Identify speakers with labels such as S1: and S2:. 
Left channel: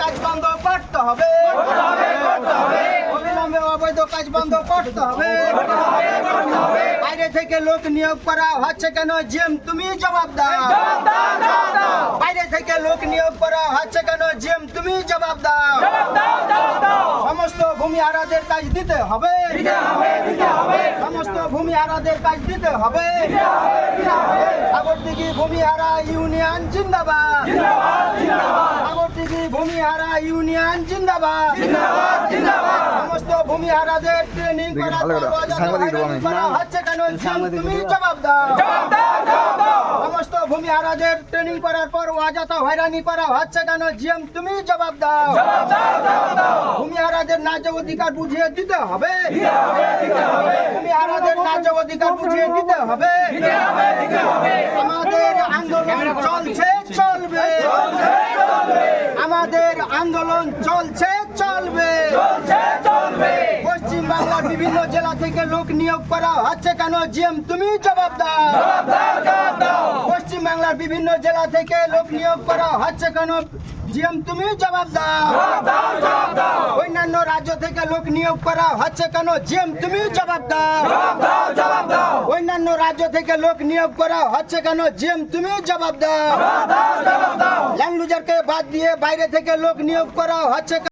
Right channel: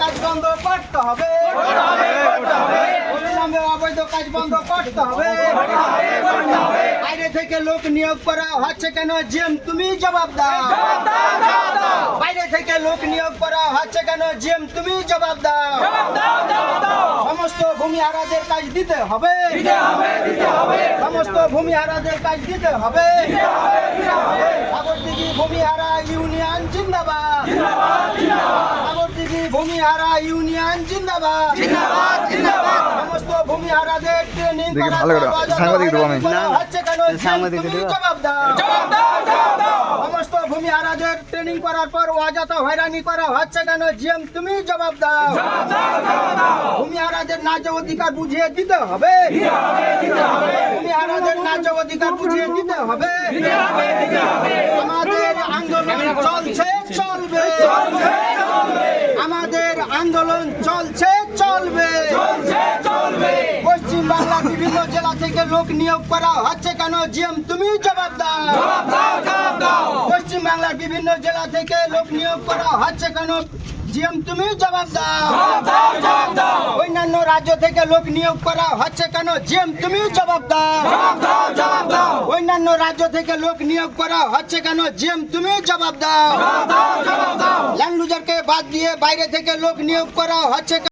S1: কাজ বন্ধ করতে হবে অবৈধ কাজ বন্ধ করতে হবে থেকে লোক নিয়োগ করা হচ্ছে কেন? জিএম, তুমি জবাব দাও। বাইরে থেকে লোক নিয়োগ করা হচ্ছে কেন? জিএম, তুমি জবাব দাও। সমস্ত ভূমিহারাদের কাজ দিতে হবে। সমস্ত ভূমিহারাদের কাজ দিতে হবে। সাগরদিঘি ভূমিহারা ইউনিয়ন জিন্দাবাদ। সাগরদিঘি ভূমিহারা ইউনিয়ন জিন্দাবাদ সমস্ত ভূমিহারাদের ট্রেনিং
S2: দেখি ভালো করে, সাংবাদিক দেবো আমি। সাংবাদিক
S1: সমস্ত ট্রেনিং করার পর অযথা হয়রানি করা হচ্ছে কেন? জিএম তুমি জবাব দাও। ভূমিহারাদের ন্যায্য অধিকার বুঝিয়ে দিতে হবে। ন্যায্য অধিকার বুঝিয়ে দিতে হবে। আমাদের আন্দোলন চলছে চলবে। আমাদের আন্দোলন চলছে চলবে। পশ্চিম বাংলার বিভিন্ন জেলা থেকে লোক নিয়োগ করা হচ্ছে কেন জিএম তুমি জবাব দাও পশ্চিম বাংলার বিভিন্ন জেলা থেকে লোক নিয়োগ করা হচ্ছে কেন জিএম তুমি জবাব দাও অন্যান্য রাজ্য থেকে লোক নিয়োগ করা হচ্ছে কেন জিএম তুমি জবাব দাও অন্যান্য রাজ্য থেকে লোক নিয়োগ করা হচ্ছে কেন জিএম তুমি জবাব দাও ল্যান্ডলুজারকে বাদ দিয়ে বাইরে থেকে লোক নিয়োগ করা হচ্ছে কেন?